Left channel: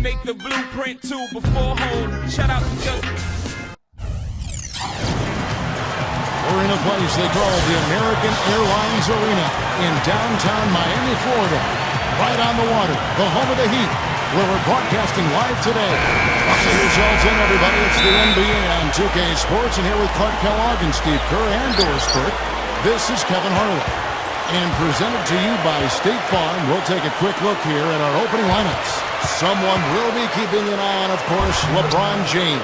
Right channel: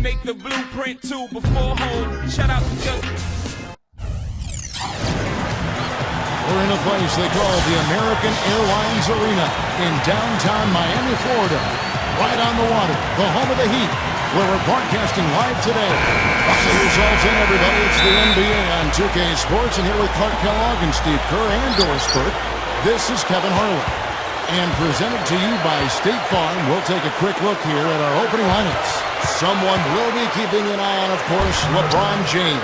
make the blueprint too before home. Shout out to just. We're in a place they call the American Airlines Arena in downtown Miami, Florida. Right on the water, the home of the Heat, where we're broadcasting live today. Buckle yourselves in, everybody. It's the NBA on 2K Sports, and here with Clark Kellogg and Steve Kerr and Doris Burke, this is Kevin Harlan. And presented to you by State Farm, we'll take a quick look here at our opening lineups. Someone will be keeping an eye on, of course, LeBron James.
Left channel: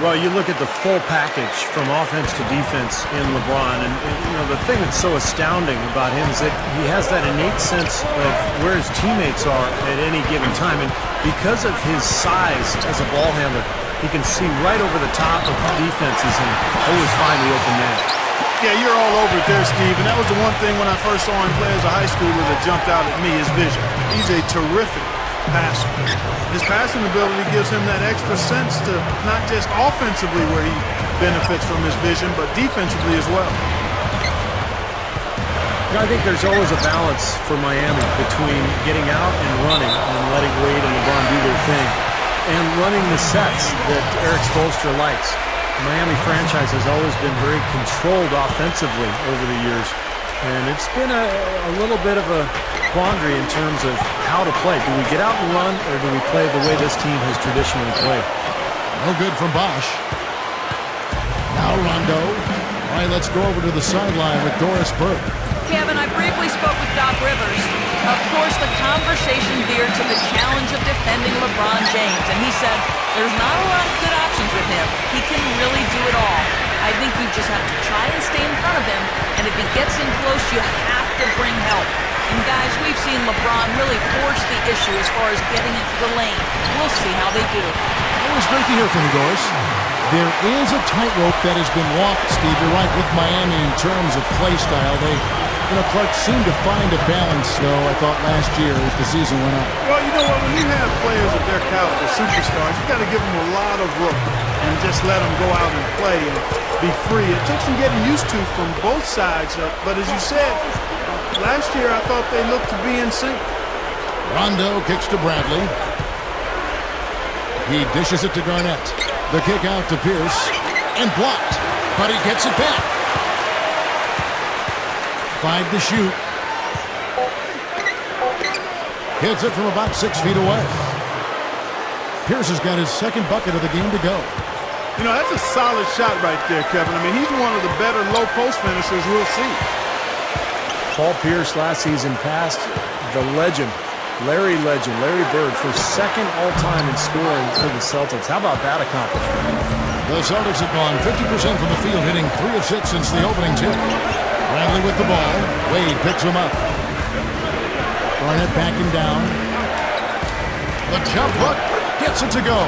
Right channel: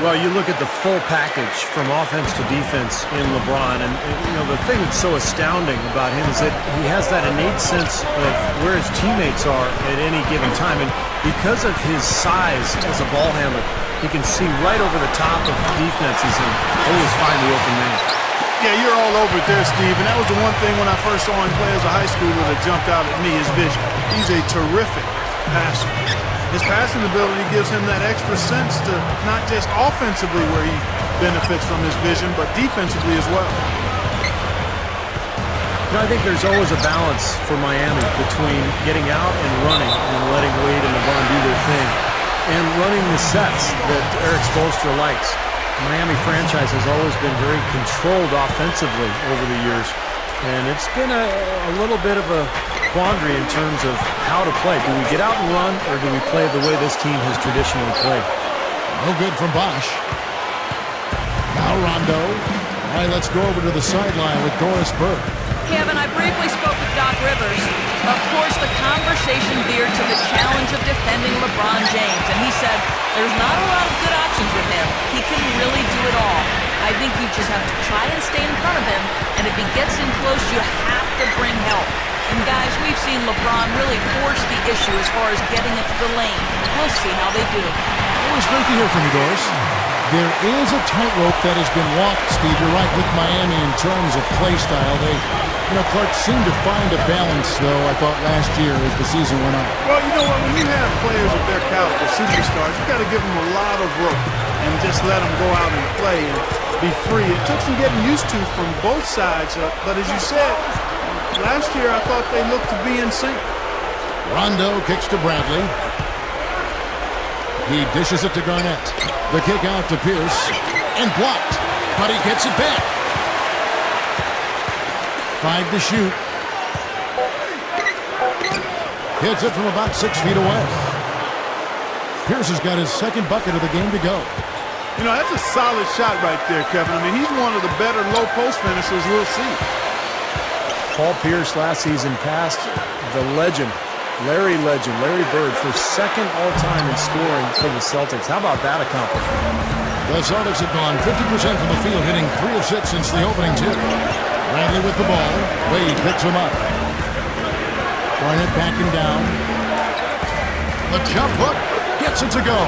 Well, you look at the full package from offense to defense in LeBron, and you know, the thing that's so astounding about him is that he has that innate sense of where his teammates are at any given time, and because of his size as a ball handler, he can see right over the top of defenses and always find the open man. Yeah, you're all over it there, Steve, and that was the one thing when I first saw him play as a high schooler that jumped out at me, his vision. He's a terrific passer. His passing ability gives him that extra sense to not just offensively where he benefits from his vision, but defensively as well. You know, I think there's always a balance for Miami between getting out and running and letting Wade and LeBron do their thing, and running the sets that Eric Spoelstra likes. The Miami franchise has always been very controlled offensively over the years, and it's been a little bit of a quandary in terms of how to play. Do we get out and run, or do we play the way this team has traditionally played? No good from Bosch. Now Rondo. All right, let's go over to the sideline with Doris Burke. Kevin, I briefly spoke with Doc Rivers. Of course, the conversation veered to the challenge of defending LeBron James, and he said there's not a lot of good options with him. He can really do it all. I think you just have to try and stay in front of him, and if he gets in close, you have to bring help. And guys, we've seen LeBron really force the issue as far as getting into the lane. We'll see how they do. Always great to hear from you, Doris. There is a tightrope that has been walked, Steve. You're right, with Miami in terms of play style. Clark seemed to find a balance, though, I thought, last year as the season went on. Well, you know what? When you have players of their caliber, superstars, you got to give them a lot of rope and just let them go out and play and be free. It took some getting used to from both sides, but as you said, last year I thought they looked to be in sync. Rondo kicks to Bradley. He dishes it to Garnett. The kick out to Pierce, and blocked, but he gets it back. 5 to shoot. Hits it from about 6 feet away. Pierce has got his second bucket of the game to go. You know, that's a solid shot right there, Kevin. I mean, he's one of the better low post finishers we'll see. Paul Pierce last season passed the legend, Larry Bird, for second all-time in scoring for the Celtics. How about that accomplishment? The Celtics have gone 50% from the field, hitting 3 of 6 since the opening tip. Bradley with the ball. Wade picks him up. Garnett backing down. The jump hook gets it to go.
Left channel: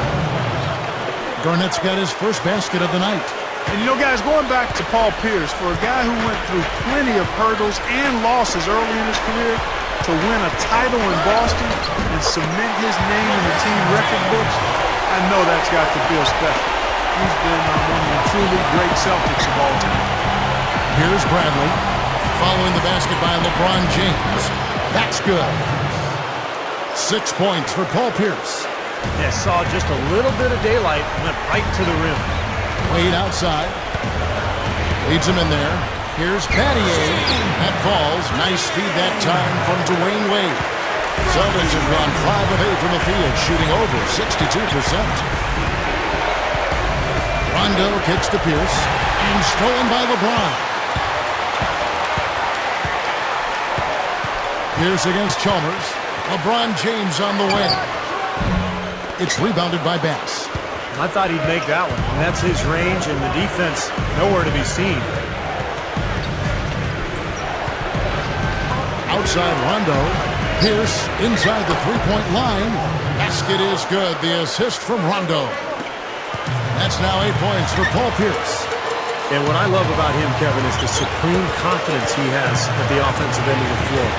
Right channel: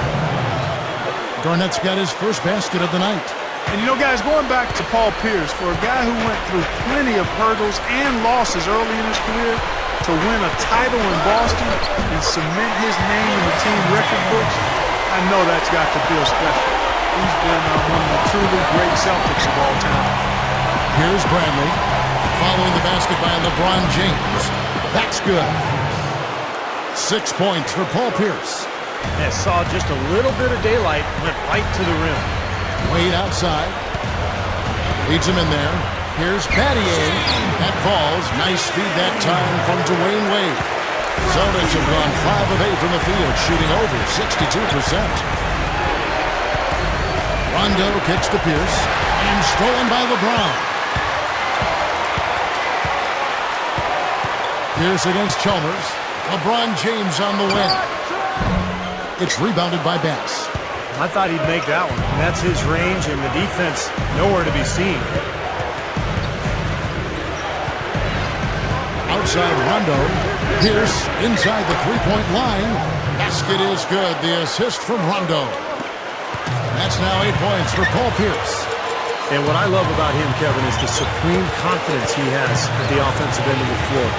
Garnett's got his first basket of the night. And you know, guys, going back to Paul Pierce, for a guy who went through plenty of hurdles and losses early in his career, to win a title in Boston and cement his name in the team record books, I know that's got to feel special. He's been one of the truly great Celtics of all time. Here's Bradley, following the basket by LeBron James. That's good. 6 points for Paul Pierce. Yeah, saw just a little bit of daylight, went right to the rim. Wade outside. Leads him in there. Here's Battier. That falls. Nice feed that time from Dwayne Wade. Celtics have gone 5 of 8 from the field, shooting over 62%. Rondo kicks to Pierce, and stolen by LeBron. Pierce against Chalmers. LeBron James on the win. It's rebounded by Bass. I thought he'd make that one. And that's his range, and the defense nowhere to be seen. Outside Rondo. Pierce inside the three-point line. Basket is good. The assist from Rondo. That's now 8 points for Paul Pierce. And what I love about him, Kevin, is the supreme confidence he has at the offensive end of the floor.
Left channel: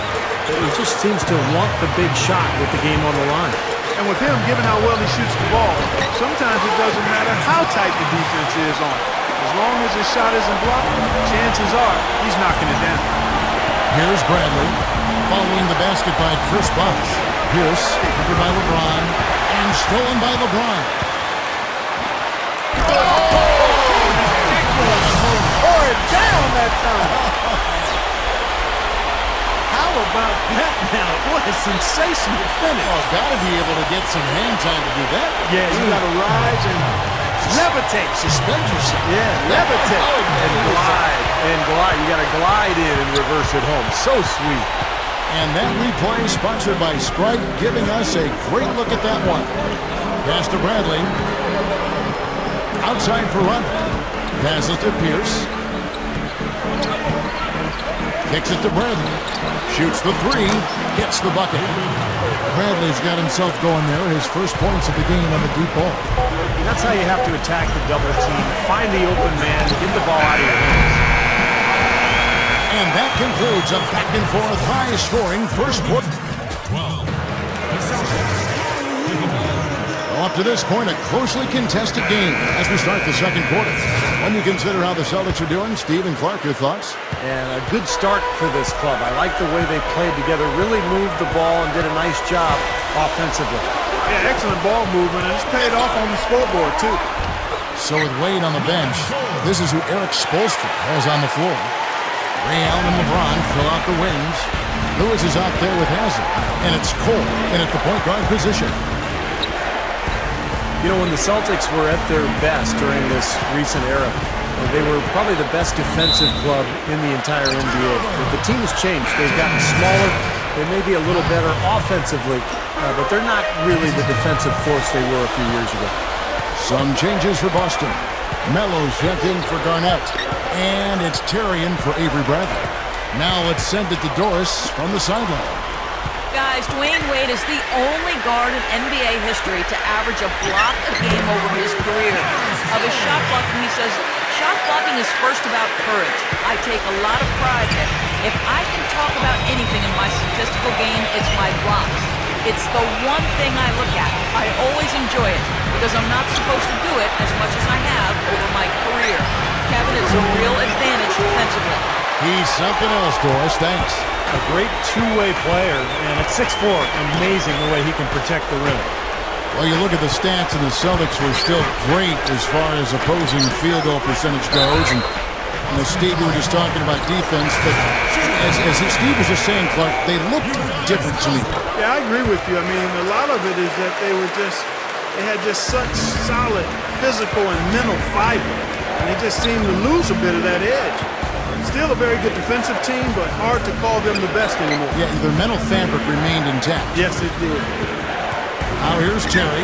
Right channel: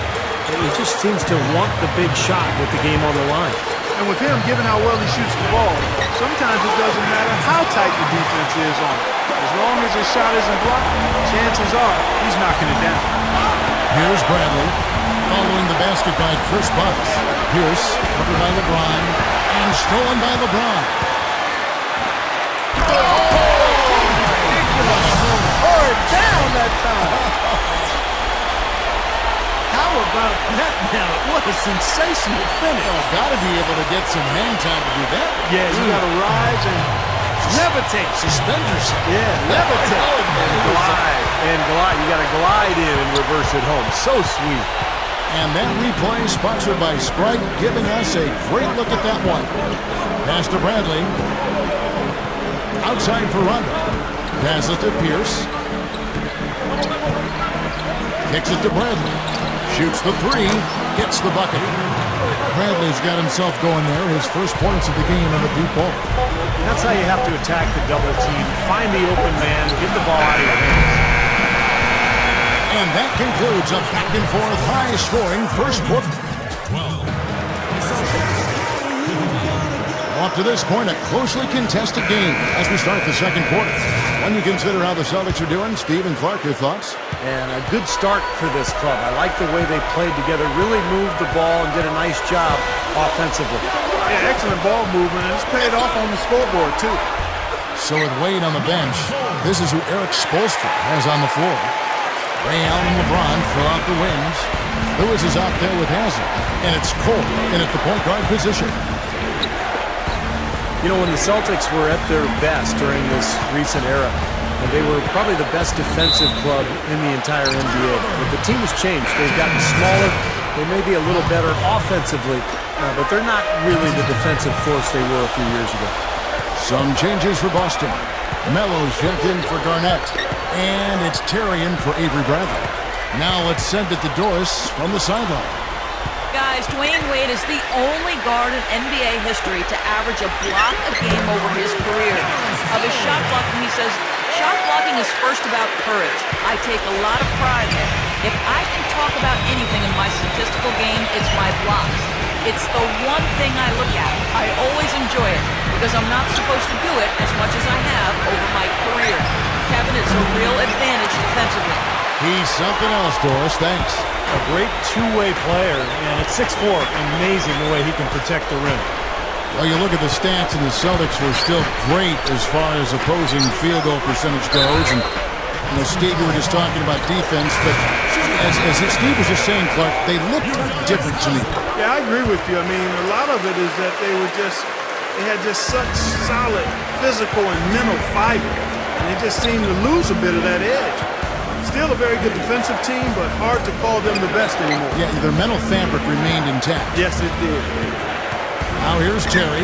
He just seems to want the big shot with the game on the line. And with him, given how well he shoots the ball, sometimes it doesn't matter how tight the defense is on him. As long as his shot isn't blocked, chances are he's knocking it down. Here's Bradley, following the basket by Chris Bosh. Pierce, covered by LeBron. And stolen by LeBron. Ridiculous. Tore it down that time. How about that now? What a sensational finish. Oh, got to be able to get some hang time to do that. Yeah, you got to rise and levitate. Suspend yourself. Yeah, levitate. And glide. And glide. You got to glide in and reverse it home. So sweet. And that replay sponsored by Sprite, giving us a great look at that one. Pass to Bradley. Outside for Rondo. Passes to Pierce. Kicks it to Bradley. Shoots the three. Gets the bucket. Bradley's got himself going there. His first points of the game on the deep ball. That's how you have to attack the double team. Find the open man. Get the ball out of your hands. And that concludes a back-and-forth, high-scoring first quarter. 12. The Celtics. 15. Well, up to this point, a closely contested game as we start the second quarter. When you consider how the Celtics are doing, Steve and Clark, your thoughts? And a good start for this club. I like the way they played together, really moved the ball and did a nice job offensively. Yeah, excellent ball movement, and it's paid off on the scoreboard, too. So with Wade on the bench, this is who Eric Spoelstra has on the floor. Ray Allen and LeBron fill out the wings. Lewis is out there with Hazard, and it's Cole in at the point guard position. You know, when the Celtics were at their best during this recent era, they were probably the best defensive club in the entire NBA. But the team has changed. They've gotten smaller. They may be a little better offensively, but they're not really the defensive force they were a few years ago. Some changes for Boston. Melo's checked in for Garnett, and it's Terry in for Avery Bradley. Now let's send it to Doris from the sideline. Guys, Dwayne Wade is the only guard in NBA history to average a block a game over his career. Of his shot blocking, he says, shot blocking is first about courage. I take a lot of pride in it. If I can talk about anything in my statistical game, it's my blocks. It's the one thing I look at. I always enjoy it because I'm not supposed to do it as much as I have over my career. Kevin, it's a real advantage defensively. He's something else, Doris. Thanks. A great two-way player, and at 6'4", amazing the way he can protect the rim. Well, you look at the stats, and the Celtics were still great as far as opposing field goal percentage goes. And you know, Steve, you were just talking about defense, but as Steve was just saying, Clark, they looked different to me. Yeah, I agree with you. I mean, a lot of it is that they had just such solid physical and mental fiber, and they just seemed to lose a bit of that edge. Still a very good defensive team, but hard to call them the best anymore. Yeah, their mental fabric remained intact. Yes, it did. Now here's Terry,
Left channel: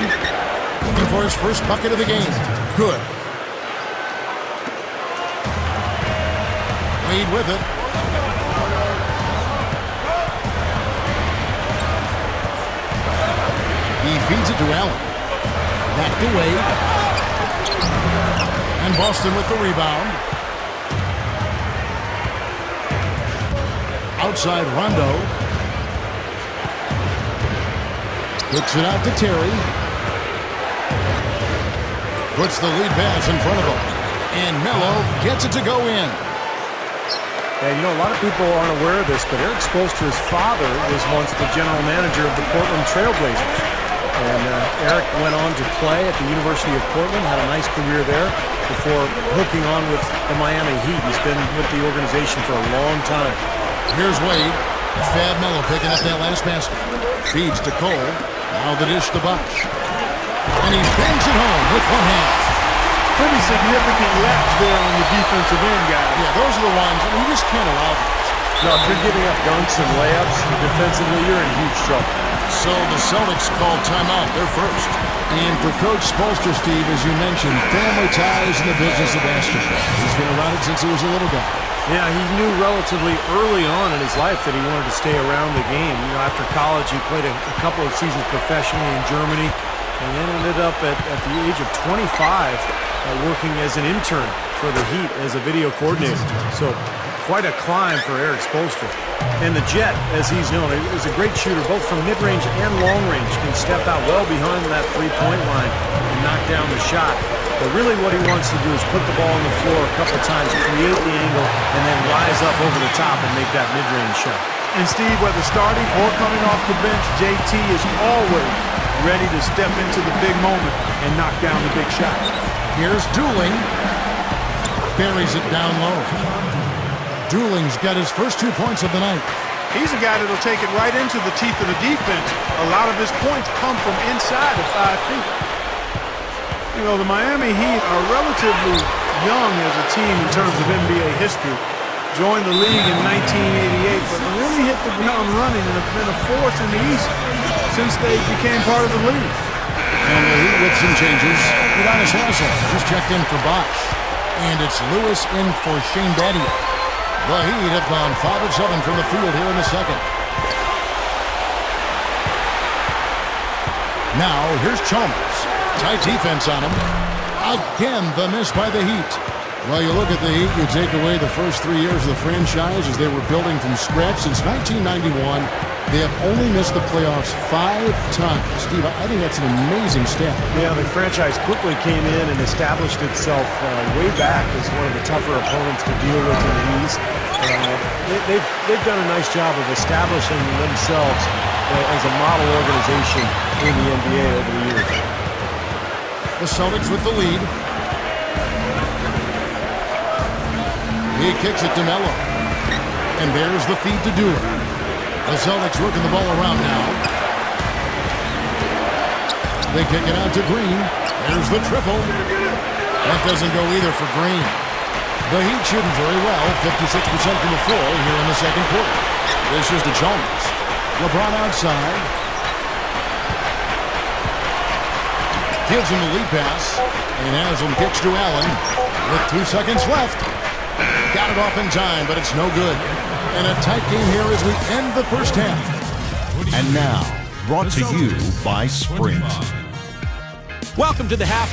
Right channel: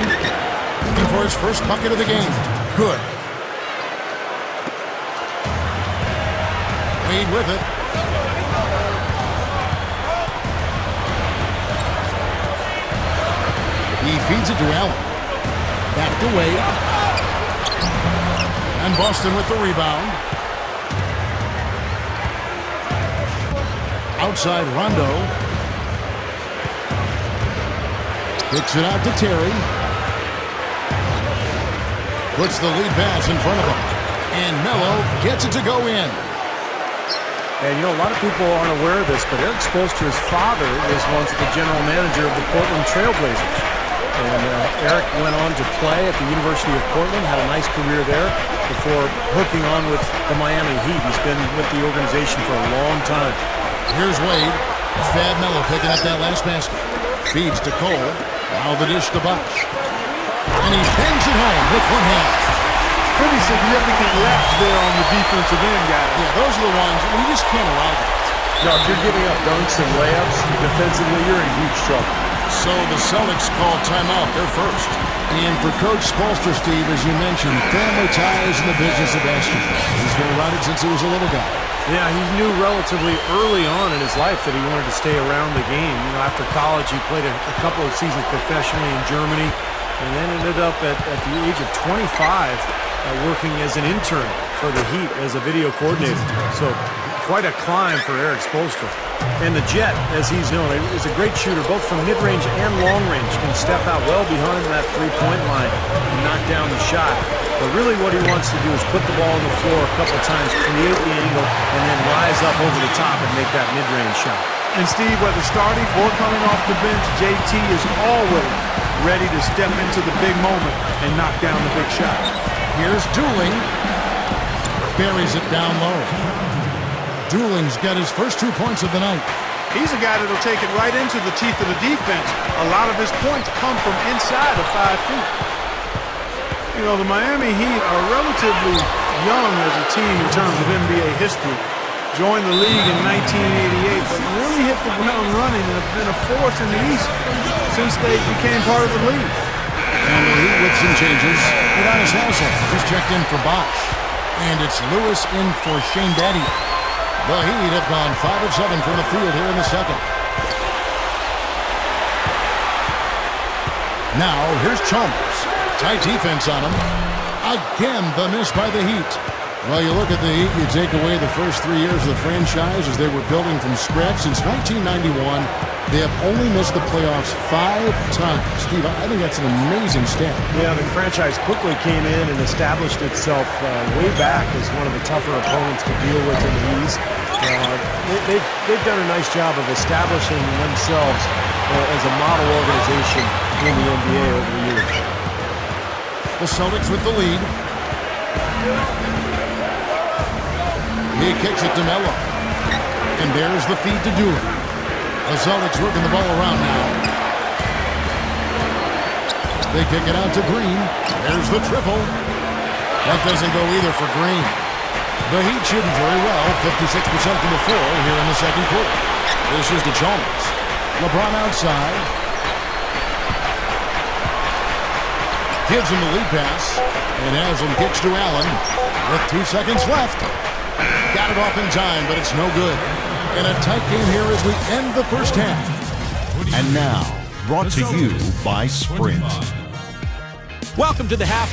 looking for his first bucket of the game. Good. Wade with it. He feeds it to Allen. Back to Wade. And Boston with the rebound. Outside Rondo. Kicks it out to Terry. Puts the lead pass in front of him. And Melo gets it to go in. And you know, a lot of people aren't aware of this, but Eric Spoelstra's father was once the general manager of the Portland Trail Blazers. And Eric went on to play at the University of Portland, had a nice career there before hooking on with the Miami Heat. He's been with the organization for a long time. Here's Wade. Fab Melo picking up that last basket. Feeds to Cole. Now the dish to Bosh. And he bangs it home with one hand. Pretty significant laps there on the defensive end, guys. Yeah, those are the ones you just can't allow that. No, if you're giving up dunks and layups defensively, you're in huge trouble. So the Celtics called timeout. They're first. And for Coach Spoelstra, Steve, as you mentioned, family ties in the business of basketball. He's been around it since he was a little guy. Yeah, he knew relatively early on in his life that he wanted to stay around the game. You know, after college, he played a couple of seasons professionally in Germany and then ended up at the age of 25 working as an intern for the Heat as a video coordinator. So quite a climb for Eric Spoelstra. And the Jet, as he's known, is a great shooter, both from mid-range and long-range. Can step out well behind that three-point line and knock down the shot. But really what he wants to do is put the ball on the floor a couple times, create the angle, and then rise up over the top and make that mid-range shot. And Steve, whether starting or coming off the bench, JT is always ready to step into the big moment and knock down the big shot. Here's Dooling. Buries it down low. Dooling's got his first 2 points of the night. He's a guy that'll take it right into the teeth of the defense. A lot of his points come from inside of 5 feet. You know, the Miami Heat are relatively young as a team in terms of NBA history. Joined the league in 1988, but really hit the ground running and have been a force in the East since they became part of the league. And the Heat with some changes. Udonis Haslem just checked in for Bosch. And it's Lewis in for Shane Battier. The Heat have gone 5 of 7 from the field here in the second. Now, here's Chalmers. Tight defense on him. Again, the miss by the Heat. Well, you look at the Heat, you take away the first 3 years of the franchise as they were building from scratch. Since 1991, they have only missed the playoffs 5 times. Steve, I think that's an amazing stat. Yeah, the franchise quickly came in and established itself way back as one of the tougher opponents to deal with in the East. They've done a nice job of establishing themselves as a model organization in the NBA over the years. The Celtics with the lead. He kicks it to Melo. And there's the feed to Dooling. The Celtics working the ball around now. They kick it out to Green. There's the triple. That doesn't go either for Green. The Heat shooting very well, 56% from the floor here in the second quarter. This is to Chalmers. LeBron outside. Gives him the lead pass. And Haslem kicks to Allen with 2 seconds left. Got it off in time, but it's no good. And a tight game here as we end the first half. And now, brought to you by Sprint. Welcome to the half.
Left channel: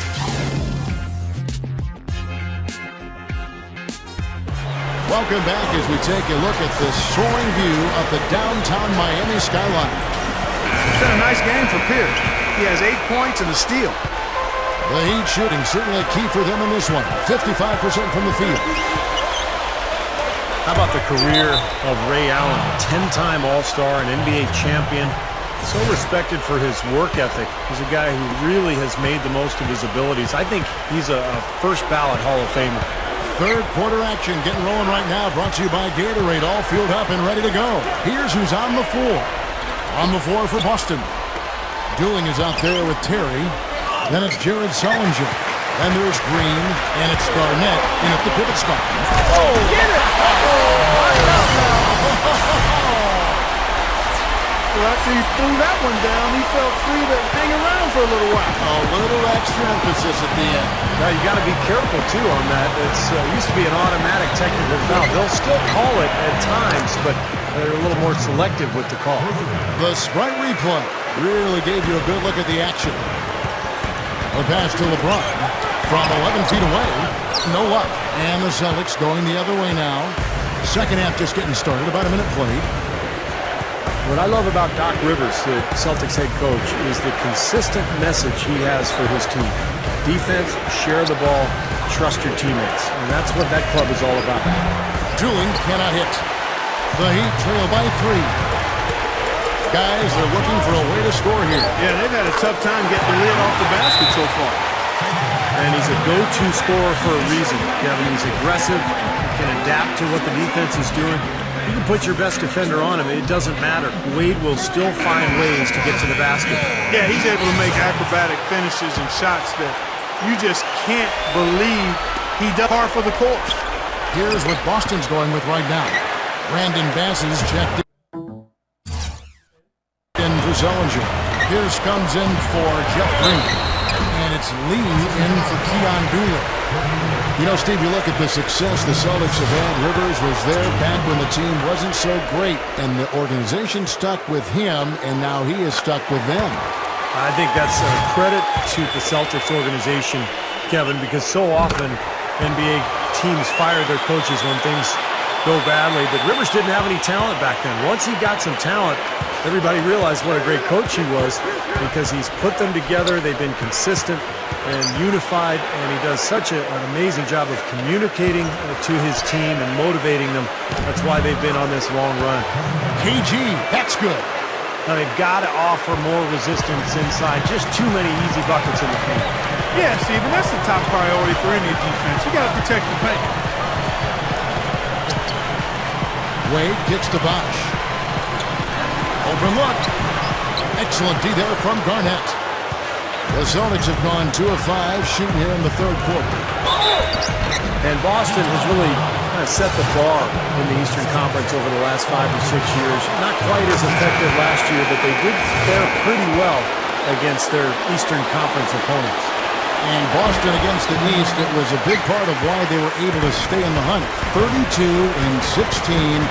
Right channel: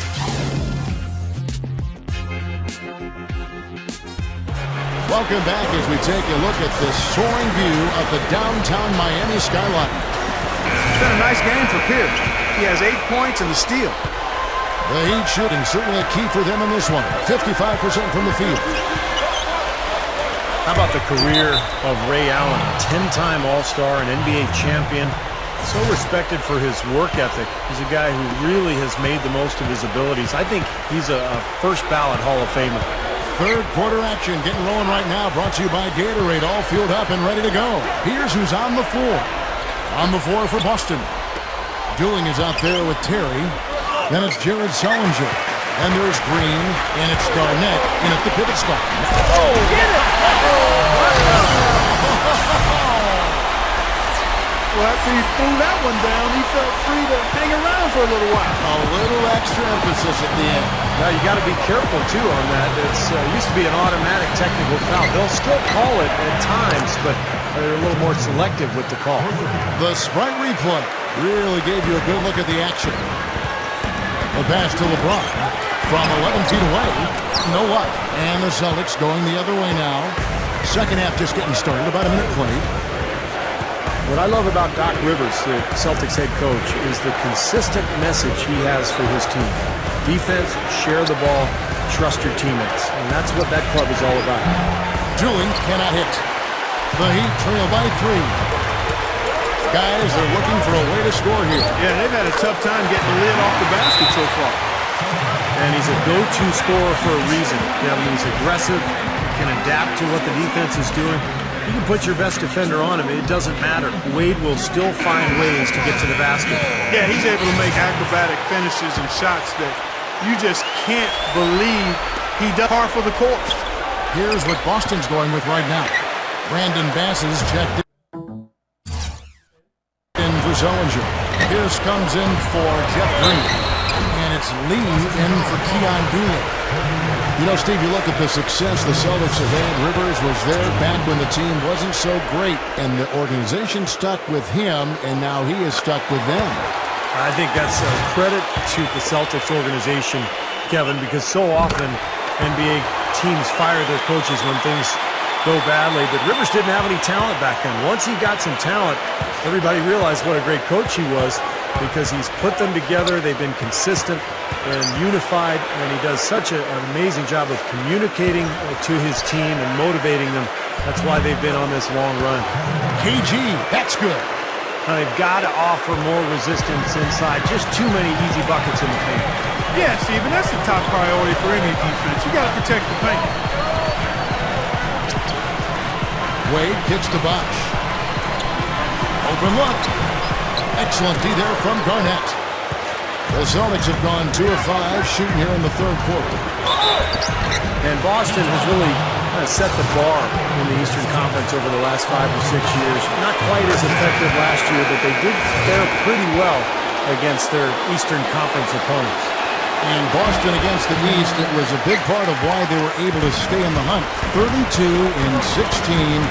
Welcome back as we take a look at this soaring view of the downtown Miami skyline. It's been a nice game for Pierce. He has 8 points and a steal. The Heat shooting certainly a key for them in this one. 55% from the field. How about the career of Ray Allen, 10-time All-Star, an NBA champion, so respected for his work ethic. He's a guy who really has made the most of his abilities. I think he's a first-ballot Hall of Famer. Third quarter action getting rolling right now, brought to you by Gatorade, all fueled up and ready to go. Here's who's on the floor. On the floor for Boston. Dooling is out there with Terry. Then it's Jared Sullinger. Then there's Green, and it's Garnett in at the pivot spot. Oh, get it! What up now? Well, after he threw that one down, he felt free to hang around for a little while. A little extra emphasis at the end. Now, you got to be careful, too, on that. It's used to be an automatic technical foul. They'll still call it at times, but they're a little more selective with the call. The Sprite replay really gave you a good look at the action. The pass to LeBron from 11 feet away. No luck. And the Celtics going the other way now. Second half just getting started. About a minute played. What I love about Doc Rivers, the Celtics head coach, is the consistent message he has for his team. Defense, share the ball, trust your teammates. And that's what that club is all about. Dooling cannot hit. The Heat trail by 3. Guys are looking for a way to score here. Yeah, they've had a tough time getting the lid off the basket so far. And he's a go-to scorer for a reason. Kevin, he's aggressive, can adapt to what the defense is doing. You can put your best defender on him. It doesn't matter. Wade will still find ways to get to the basket. Yeah, he's able to make acrobatic finishes and shots that you just can't believe he does par for the course. Here's what Boston's going with right now. Brandon Bass is checked in for Sullinger. Pierce comes in for Jeff Green. And it's Lee in for Keon Dooling. You know, Steve, you look at the success the Celtics have had. Rivers was there back when the team wasn't so great, and the organization stuck with him, and now he is stuck with them. I think that's a credit to the Celtics organization, Kevin, because so often NBA teams fire their coaches when things go badly, but Rivers didn't have any talent back then. Once he got some talent, everybody realized what a great coach he was because he's put them together. They've been consistent and unified, and he does such an amazing job of communicating to his team and motivating them. That's why they've been on this long run. KG, that's good. Now they've got to offer more resistance inside. Just too many easy buckets in the paint. Yeah, Steven, that's the top priority for any defense. You got to protect the paint. Wade kicks to Bosch. Open look. Excellent D there from Garnett. The Celtics have gone 2 of 5 shooting here in the third quarter. And Boston has really kind of set the bar in the Eastern Conference over the last 5 or 6 years. Not quite as effective last year, but they did fare pretty well against their Eastern Conference opponents. And Boston against the East, it was a big part of why they were able to stay in the hunt. 32-16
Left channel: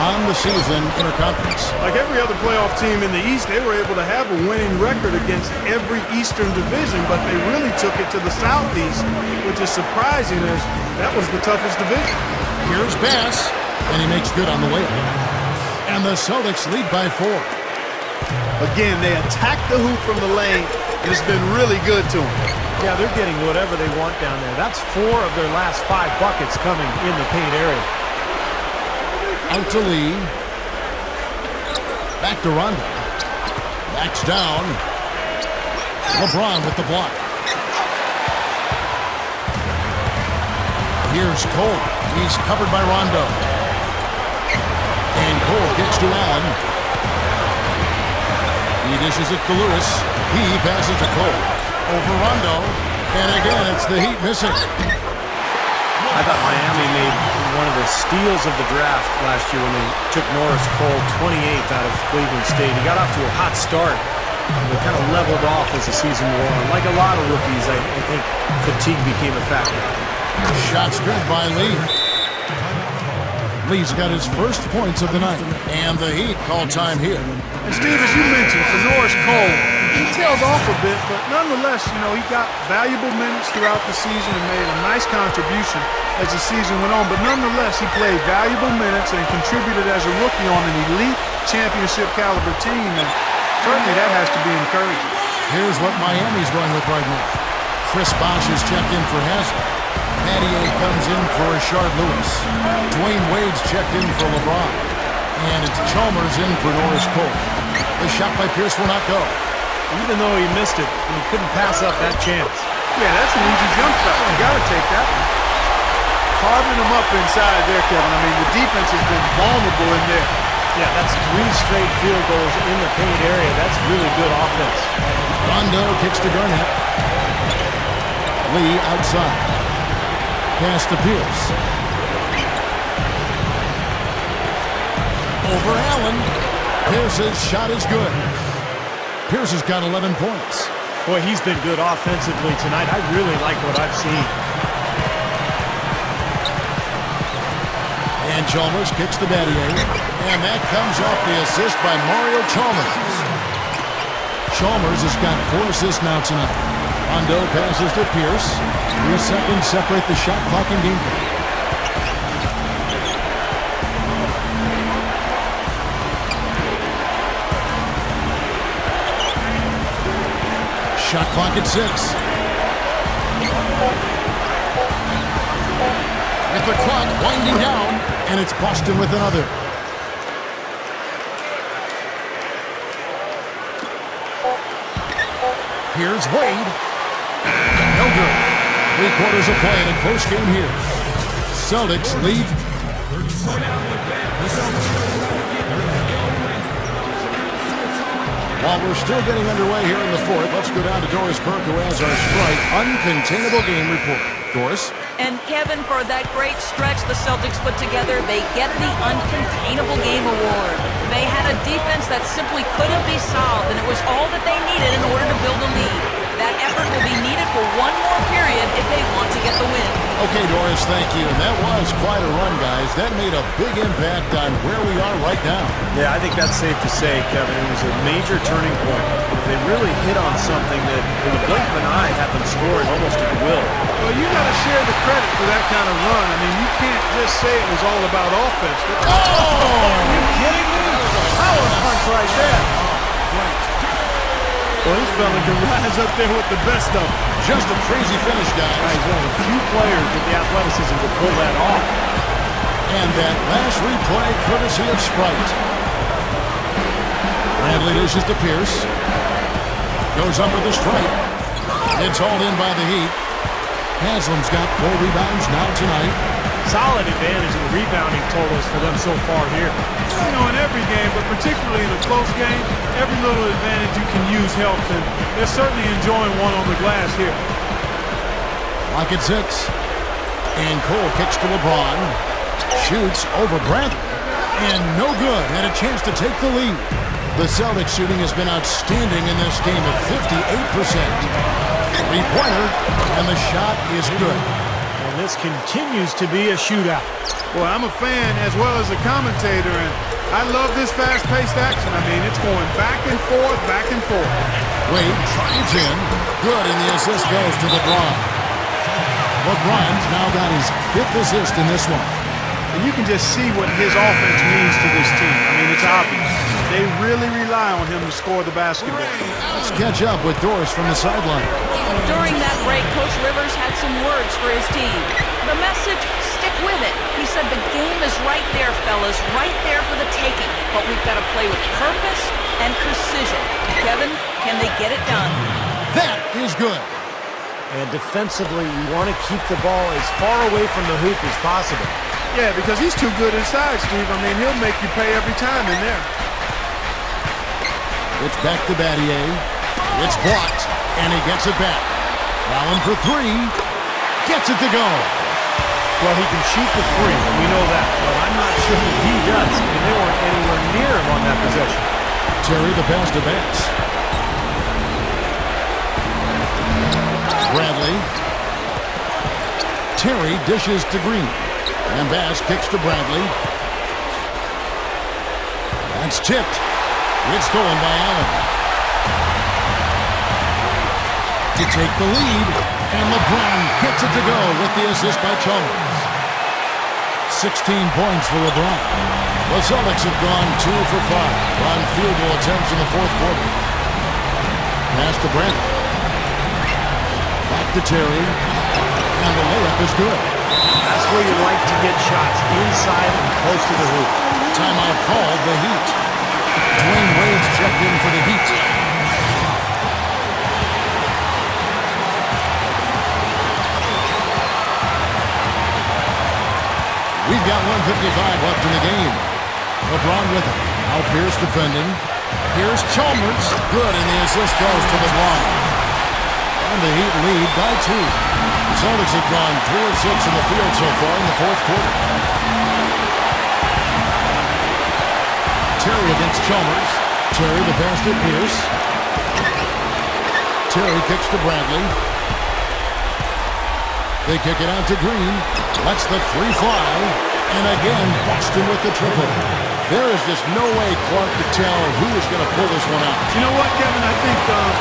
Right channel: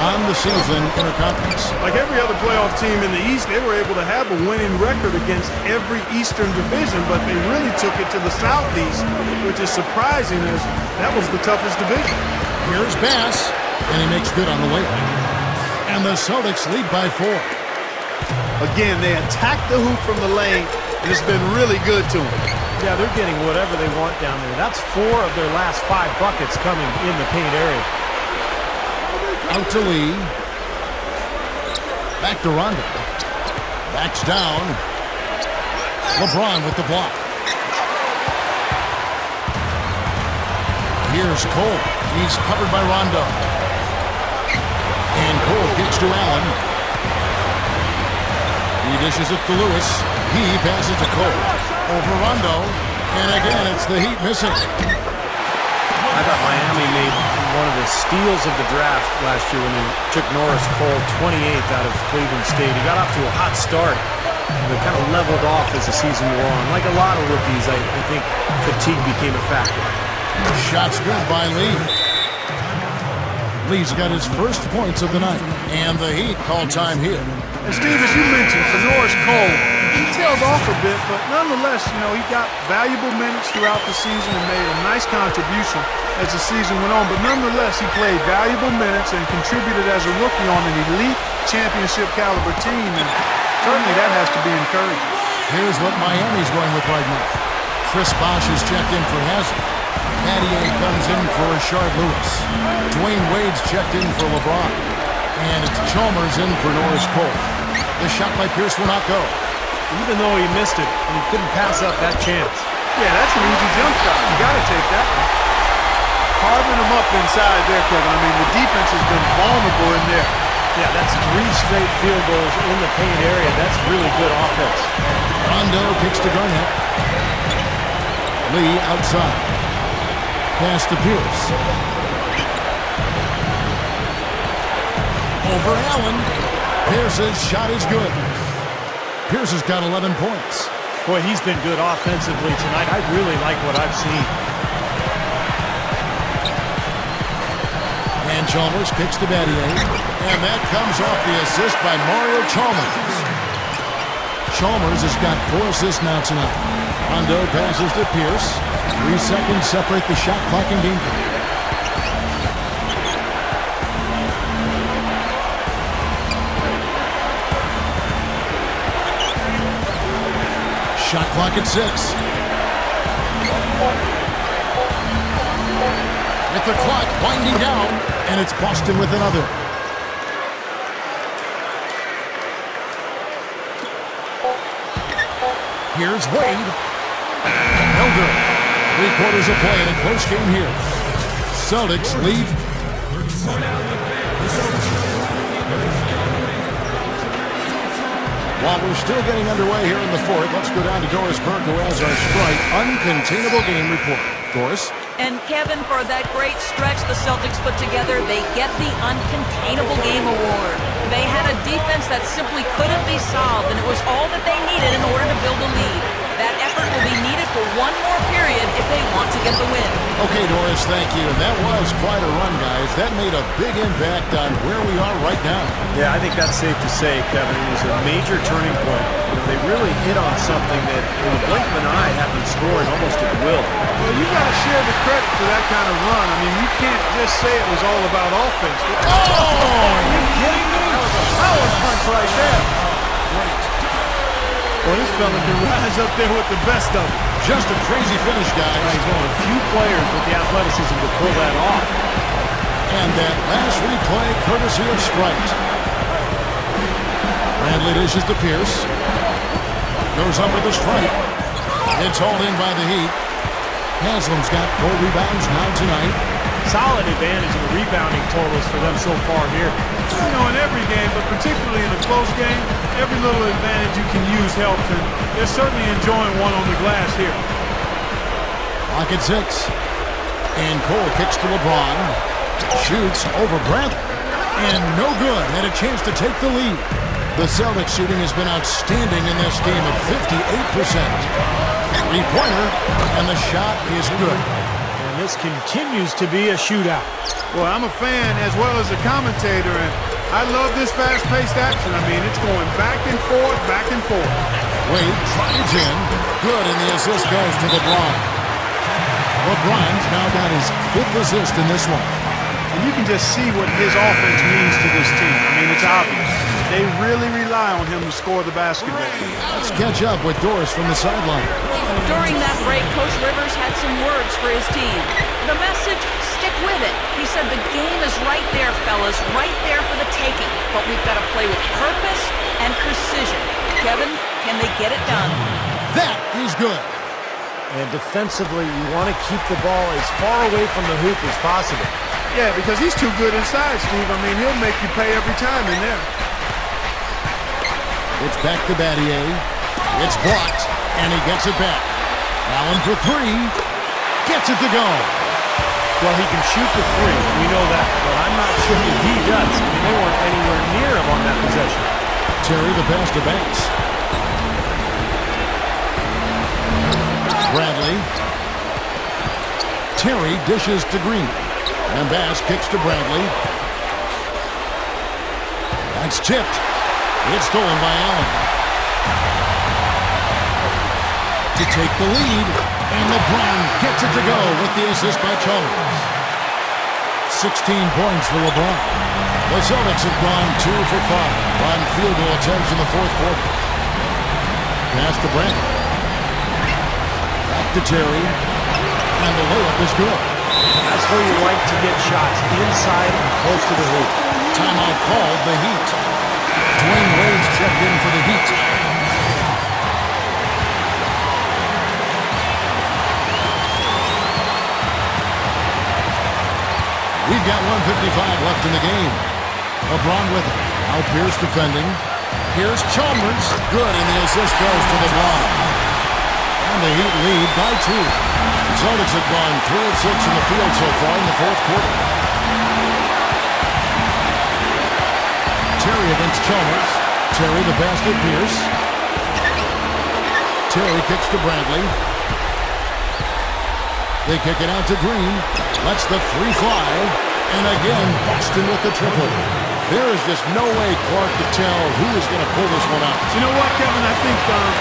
on the season interconference. Like every other playoff team in the East, they were able to have a winning record against every Eastern division, but they really took it to the Southeast, which is surprising as that was the toughest division. Here's Bass, and he makes good on the layup. And the Celtics lead by 4. Again, they attack the hoop from the lane, and it's been really good to them. Yeah, they're getting whatever they want down there. That's 4 of their last 5 buckets coming in the paint area. Out to Lee. Back to Rondo. Backs down. LeBron with the block. Here's Cole. He's covered by Rondo. And Cole kicks to Allen. He dishes it to Lewis. He passes to Cole. Over Rondo. And again, it's the Heat missing. I thought Miami made one of the steals of the draft last year when they took Norris Cole, 28th out of Cleveland State. He got off to a hot start, but kind of leveled off as the season wore on. Like a lot of rookies, I think fatigue became a factor. Shot's good by Lee. Lee's got his first points of the night. And the Heat call time here. And Steve, as you mentioned, for Norris Cole, he tailed off a bit, but nonetheless, you know, he got valuable minutes throughout the season and made a nice contribution as the season went on. But nonetheless, he played valuable minutes and contributed as a rookie on an elite championship caliber team, and certainly that has to be encouraging. Here's what Miami's going with right now. Chris Bosh is checked in for Haslem. Mattier comes in for Rashard Lewis. Dwayne Wade's checked in for LeBron. And it's Chalmers in for Norris Cole. The shot by Pierce will not go. Even though he missed it, he couldn't pass up that chance. Yeah, that's an easy jump shot. You got to take that one. Carving them up inside there, Kevin. I mean, the defense has been vulnerable in there. Yeah, that's 3 straight field goals in the paint area. That's really good offense. Rondo kicks to Garnett. Lee outside. Pass to Pierce. Over Allen. Pierce's shot is good. Pierce has got 11 points. Boy, he's been good offensively tonight. I really like what I've seen. And Chalmers kicks to Mattier. And that comes off the assist by Mario Chalmers. Chalmers has got 4 assists now tonight. Rondo passes to Pierce. 3 seconds separate the shot clock and game clock. Shot clock at 6. With the clock winding down, and it's Boston with another. Here's Wade. No good. 3 quarters of play in a close game here. Celtics lead. While we're still getting underway here in the fourth, let's go down to Doris Burke, who has our Sprite Uncontainable Game Report. Doris? And Kevin, for that great stretch the Celtics put together, they get the Uncontainable Game Award. They had a defense that simply couldn't be solved, and it was all that they needed in order to build a lead. That effort will be needed for one more period if they want to get the win. Okay, Doris, thank you. And that was quite a run, guys. That made a big impact on where we are right now. Yeah, I think that's safe to say, Kevin. It was a major turning point. You know, they really hit on something that, in the blink of an eye, had them scoring almost at will. Well, you got to share the credit for that kind of run. I mean, you can't just say it was all about offense. Oh! Are you kidding me? That was a power punch right there. Great. Well, this fella can rise up there with the best of them. Just a crazy finish, guys. He's one of the few players with the athleticism to pull that off. And that last replay, courtesy of Sprite. Bradley dishes to Pierce. Goes up with the stripe. It's hauled in by the Heat. Haslam's got 4 rebounds now tonight. Solid advantage in the rebounding totals for them so far here. You know, in every game, but particularly in a close game, every little advantage you can use helps, and they're certainly enjoying one on the glass here. Clock at 6. And Cole kicks to LeBron. Shoots over Bradley. And no good. Had a chance to take the lead. The Celtics shooting has been outstanding in this game at 58%. Three-pointer, and the shot is good. And this continues to be a shootout. Boy, I'm a fan as well as a commentator, and I love this fast-paced action. I mean, it's going back and forth, back and forth. Wade drives in. Good, and the assist goes to LeBron. LeBron's now got his 5th assist in this one. And you can just see what his offense means to this team. I mean, it's obvious. They really rely on him to score the basketball. Let's catch up with Doris from the sideline. During that break, Coach Rivers had some words for his team. The message, stick with it. He said the game is right there, fellas, right there for the taking. But we've got to play with purpose and precision. Kevin, can they get it done? That is good. And defensively, you want to keep the ball as far away from the hoop as possible. Yeah, because he's too good inside, Steve. I mean, he'll make you pay every time in there. It's back to Battier. It's blocked, and he gets it back. Allen for 3. Gets it to go. Well, he can shoot the 3. We know that. But I'm not sure that he does. I mean, they weren't anywhere near him on that possession. Terry the pass to Bass. Bradley. Terry dishes to Green. And Bass kicks to Bradley. That's tipped. It's stolen by Allen. To take the lead, and LeBron gets it to go with the assist by Chalmers. 16 points for LeBron. The Celtics have gone 2 for 5 on field goal attempts in the 4th quarter. Pass to Bradley. Back to Terry, and the layup is good. That's where you like to get shots, inside and close to the hoop. Timeout called, the Heat. Dwayne Wade's checked in for the Heat. We've got 1:55 left in the game. LeBron with it. Now Pierce defending. Here's Chalmers. Good, and the assist goes to LeBron. And the Heat lead by 2. The Celtics have gone 3 of 6 in the field so far in the 4th quarter. Terry against Chalmers. Terry the pass to Pierce. Terry kicks to Bradley. They kick it out to Green. Lets the 3 fly. And again, Boston with the triple. There is just no way, Clark, to tell who is going to pull this one out. You know what, Kevin? I think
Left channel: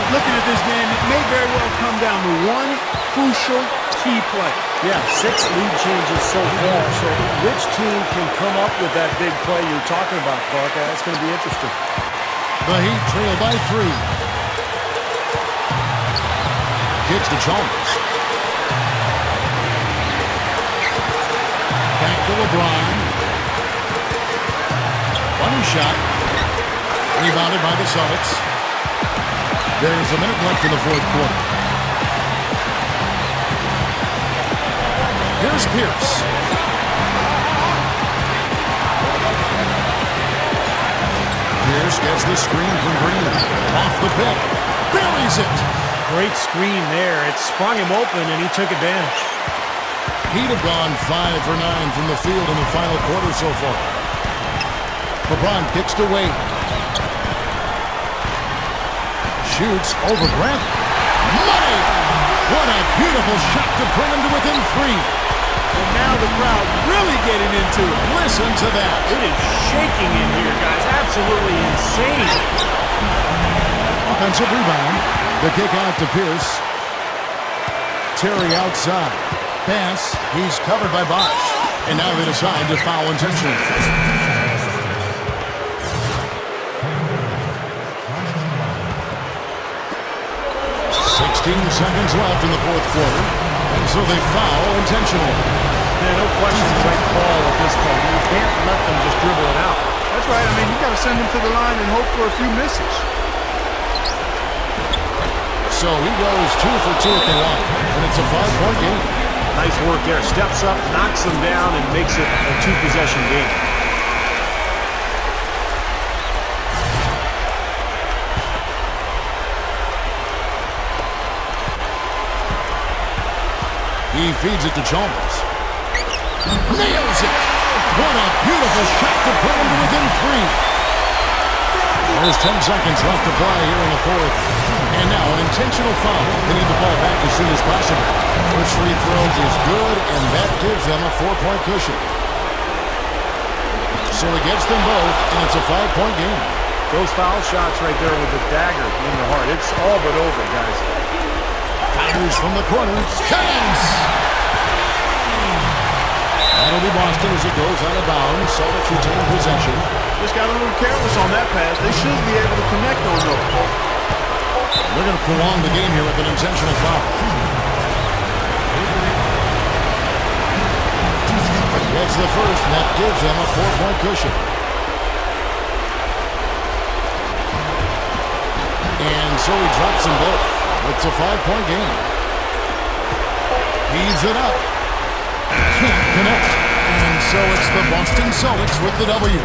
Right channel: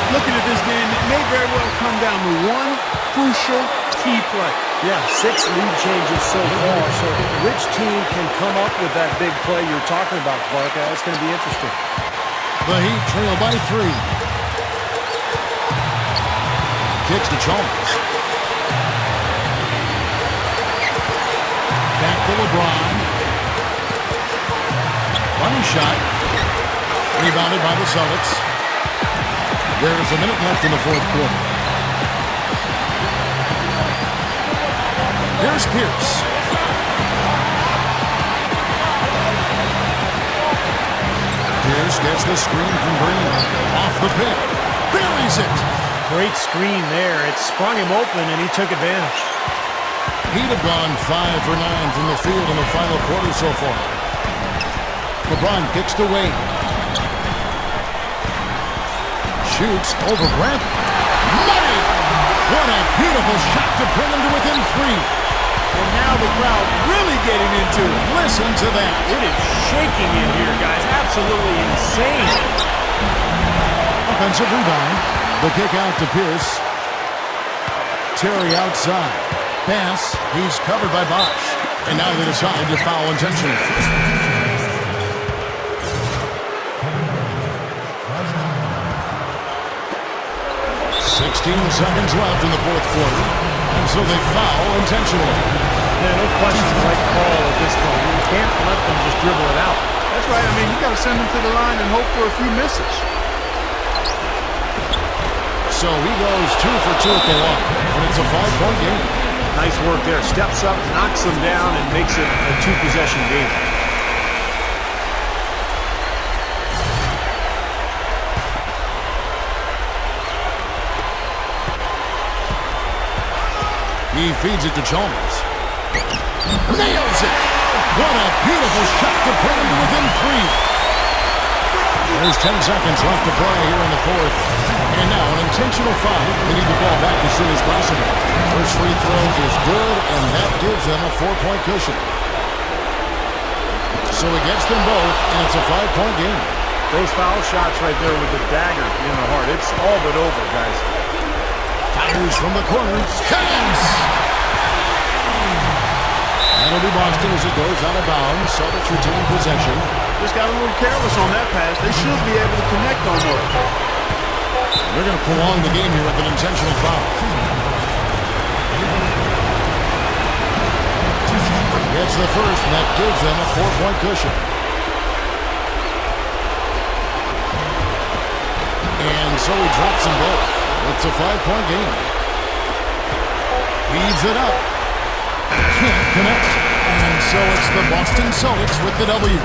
looking at this game, it may very well come down to one crucial key play. Yeah, 6 lead changes so far. So which team can come up with that big play you're talking about, Clark? That's going to be interesting. The Heat trail by 3. Kicks to Chalmers. Back to LeBron. Running shot. Rebounded by the Celtics. There's a minute left in the 4th quarter. Here's Pierce. Pierce gets the screen from Green. Off the pick. Buries it. Great screen there. It sprung him open, and he took advantage. Heat have gone 5 for 9 from the field in the final quarter so far. LeBron kicks to Wade. Shoots over Bradley. Money! What a beautiful shot to bring him to within 3. And now the crowd really getting into it. Listen to that. It is shaking in here, guys. Absolutely insane. Offensive rebound. The kick out to Pierce. Terry outside. Pass. He's covered by Bosch. And now they decide to foul intentionally. 16 seconds left in the 4th quarter, and so they foul intentionally. Yeah, no question, the right call at this point. You can't let them just dribble it out. That's right. I mean, you got to send them to the line and hope for a few misses. So he goes 2 for 2 at the line, and it's a 5-point game. Nice work there. Steps up, knocks them down, and makes it a 2-possession game. He feeds it to Chalmers. Nails it! What a beautiful shot to bring him to within 3. There's 10 seconds left to play here in the fourth. And now an intentional foul. They need the ball back as soon as possible. First free throw is good, and that gives them a 4-point cushion. So he gets them both, and it's a 5-point game. Those foul shots right there with the dagger in the heart. It's all but over, guys. Fires from the corner. Connects! That'll be Boston as it goes out of bounds. Celtics retain possession. Just got a little careless on that pass. They should be able to connect on those. They're going to prolong the game here with an intentional foul. Gets the first, and that gives them a 4-point cushion. And so he drops them both. It's a 5-point game. Feeds it up. Can't connect. And so it's the Boston Celtics with the W.